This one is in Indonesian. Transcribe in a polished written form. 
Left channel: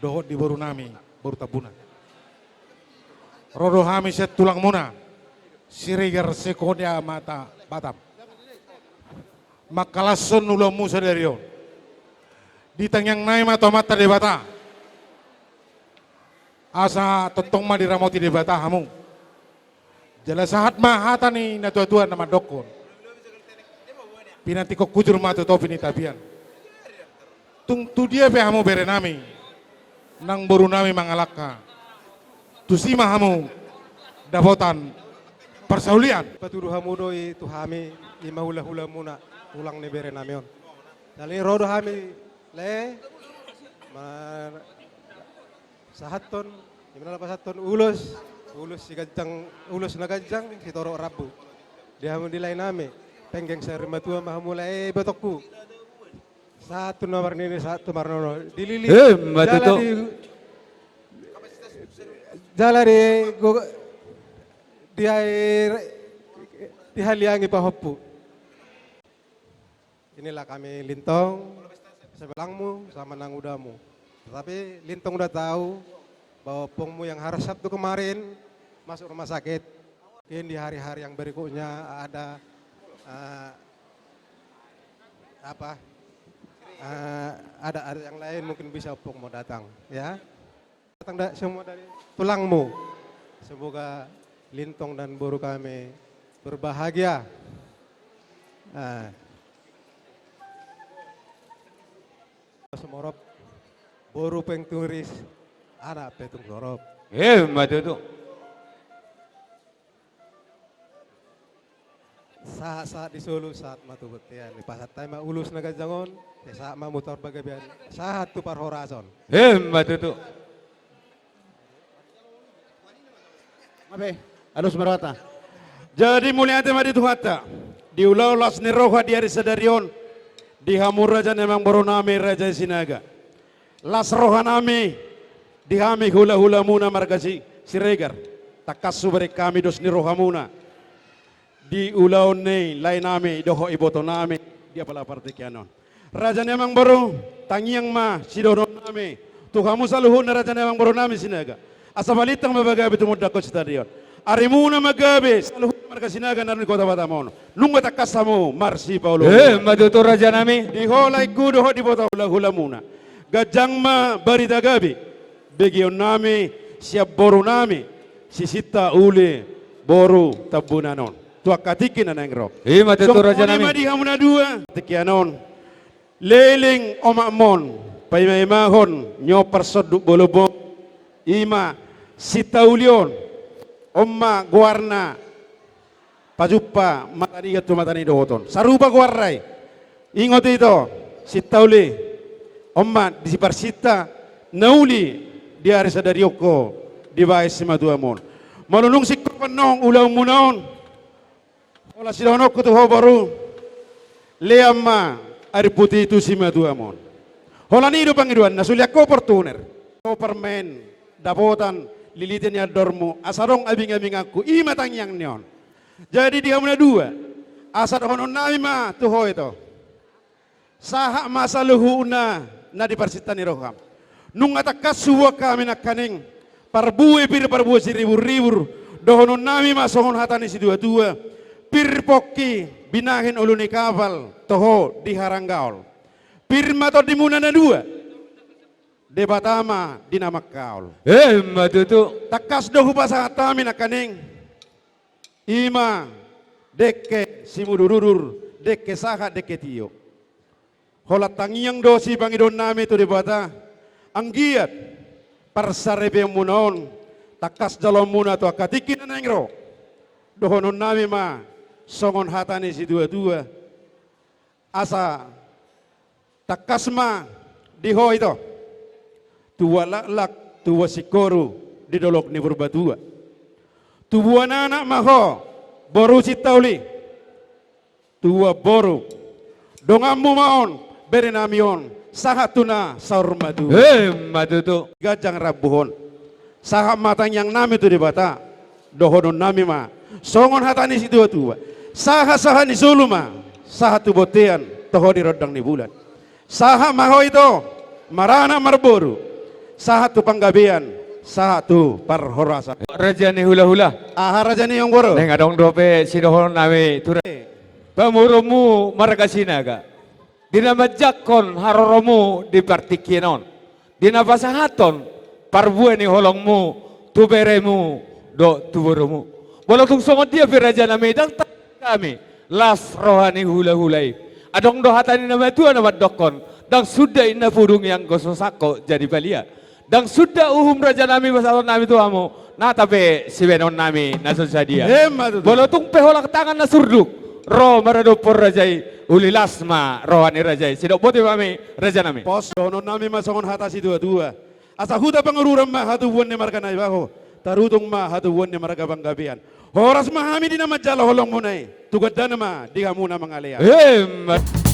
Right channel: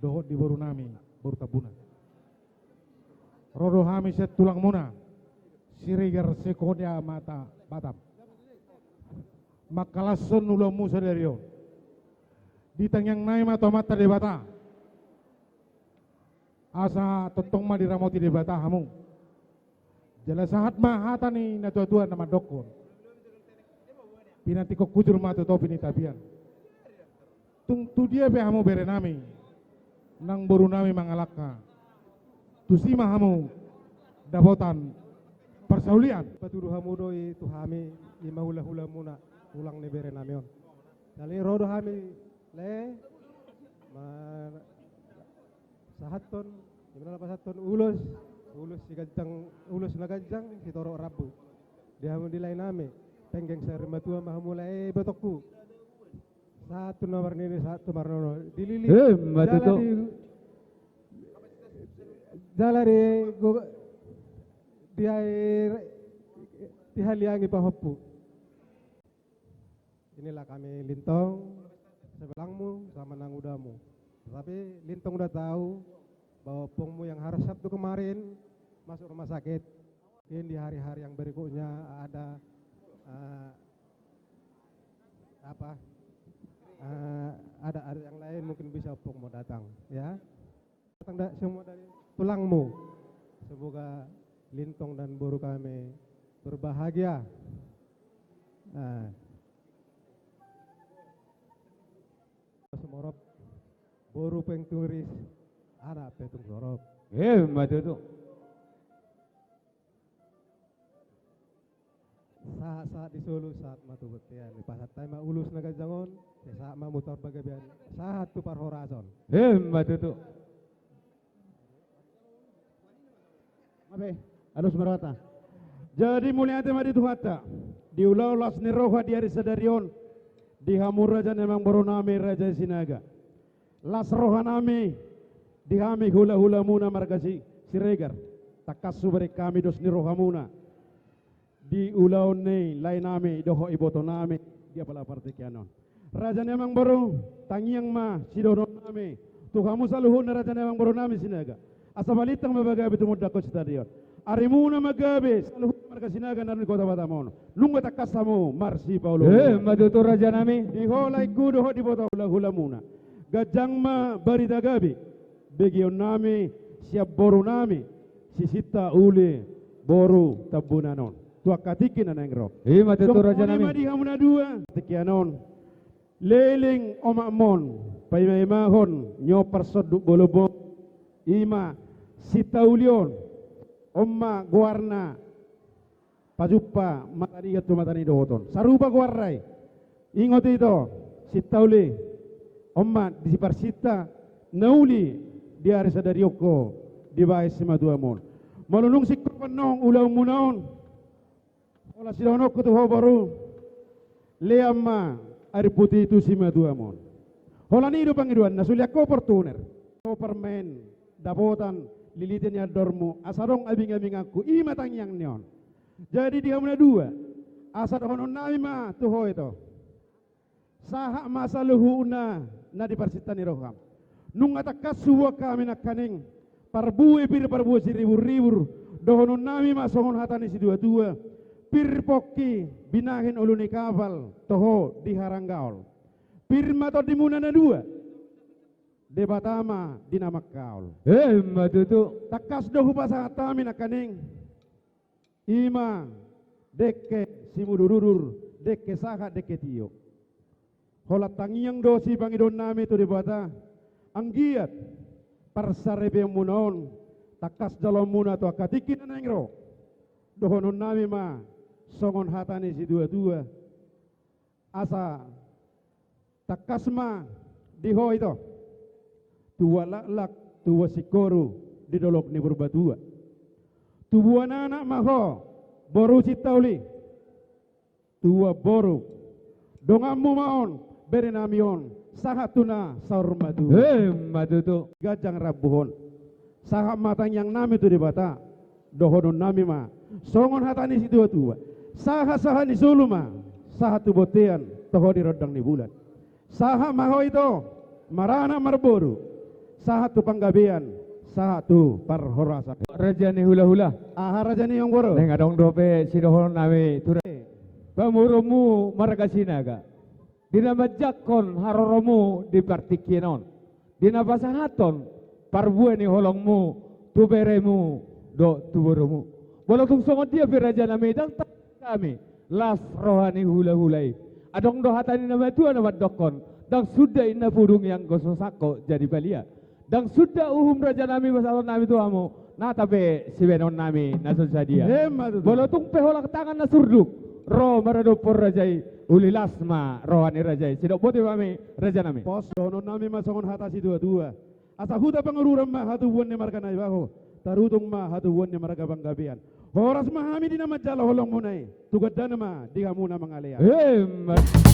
dohot di boru nami, boru tabuna. Rodo hami set tulang muna, sirigar sekodia mata batam. Makalason ulo musa dari yon. Ditang yang naik mata mata di bata. Asa totong ma diramoti di bata hamu. Jelas sahat mah hata ni na tua-tua nama dokon. Pinanti kok kujur matu topi ni tabian. Tung tu dia pe hamu bere nami. Nang boru nami mangalaka. Tu sima hamu dapotan persaulian. Patuduh hamu doi tu hami lima hula-hula muna ulang ni bere namion. Dali rodo hami le sahaton gimana lepas sahaton ulus si gancang ulus na gancang si toro rabu. Dia hamu di lain nami penggeng seri matua mahamu le betokku. Satu nomor ini satu marnono dilili. Matuto. Jala di dihaliangi pahoppu. Inilah kami Lintong sebelangmu sama nang udamu. Tetapi Lintong udah tahu bahwa pongmu yang hari Sabtu kemarin masuk rumah sakit. Mungkin di hari-hari yang berikutnya ada ada yang lain mungkin bisa pong mau datang ya. Datang semua dari tulangmu. Semoga Lintong dan boru kami berbahagia. Semorop boru pengturis anak petung sorop. Matuto. Saat di Solo saat matu betian di pasat tema ulus naga jangon saat ma motor bagabian saat tu par horazon. Matuto. Mabe, alus marwata. Jadi mulia tema di tuhata. Di ulau las ni roha di hari sadarion. Di hamur raja nemang boru nami raja sinaga. Las roha nami. Di hami hula-hula muna margasi siregar. Takasu beri kami dos ni roha muna. Di ulau ni lain nami doho iboto nami. Dia pala partai kianon. Raja nemang boru tangiang ma sidono nami. Tuhamu saluhun raja nemang boru nami sinaga. Asabalitang mabagabi tumudak ko stadion. Arimuna magabi saluhun marga sinaga narin kota Batamon. Nunggu takasamu marsi Paulo. Matuto raja nami. Di holay kudo ho di bota hula-hula muna. Gajang ma barita gabi. Begion nami siap boru nami. Sisita uli boru tabunanon. Tua katikin na nengro. Matuto raja nami. Di hamuna dua. Tikianon. Leling omakmon. Paimahon nyo persoduk bolobong. Ima sitaulion. Omma guarna. Pajupa matani gatu matani dohoton. Sarupa guarrai. Ingot itu. Sitauli. Omma disiparsita. Nauli. Di hari sadarioko. Di bahay si maduamon. Malunung si kapanong ulang munaon. Wala silahonok ko tuho baru. Leamma. Ari putih itu si maduamon. Hola nido pangiduan. Nasuliak ko portuner. Ko permen. Dapotan. Lilitin ya dormu. Asarong abing-abing aku. Imatang yang neon. Jadi dia muna dua. Asar honon nami ma tuho itu. Saha masa luhu na di parsitan ni roham. Nung atakas suwa kami nak kaning. Parbuwe si ribur-ribur. Dohonon nami ma sohon hatani si dua-dua. Pir poki binahin uluni kapal. Toho di haranggaol. Pir mato di muna na dua. Debatama di nama kaol. Matuto. Takas dohu pasangat kami nak kaning. Ima deke simudurur deke saha deke tiyo. Hola tangiang dosi pangidon nami tu debata. Anggiat parsarebe munaon. Takas dalam muna tu akatikin na nengro. Dohonon nami ma songon hatani si dua-dua. Asa takas ma diho itu. Tua lak tua sikoru di dolok ni berbatua. Tua anak maho boru sitauli. Tua boru dongamu maon berenamion sahatuna saur madu. Matuto. Gajang rabuhon. Saham matang yang nami tu di bata. Dohonon nami ma. Songon hatani si tua-tua. Saha ni suluma. Saha tu botean toho di rodang ni bulan. Saha maho itu marana marboru. satu panggabian, satu parhorasan. Raja ni hula-hula. Aha raja ni yang boro. Neng adong dope sidohon nami tura. Pamurumu margasinaga. Dina majakon haroromu di partikienon. Dina pasahaton parbue ni holongmu tuberemu do tuburumu. Walau tung songot dia raja nami dang kami las rohani hula-hulai. Adong do hatani nama tua nama dokon. Dang sudah inna purung yang gososako jadi balia. Dang sudah uhum raja nami basalon nami tuamu. Nah tapi si benon nami nasun sadia. Hemat. Walau tung peholak tangan na surduk. Roh maradopor rajai uli lasma rohani rajai. Sidok bote kami raja nami. Pos dono nami masongon hatasi dua-dua. Asa huda pengururan mah hatu buan ni marga na ibaho. Tarutung mah hatu buan ni marga panggabian. Horas mahami di nama jala holong munai. Tugad na nama di kamu na mangalea. Hemat.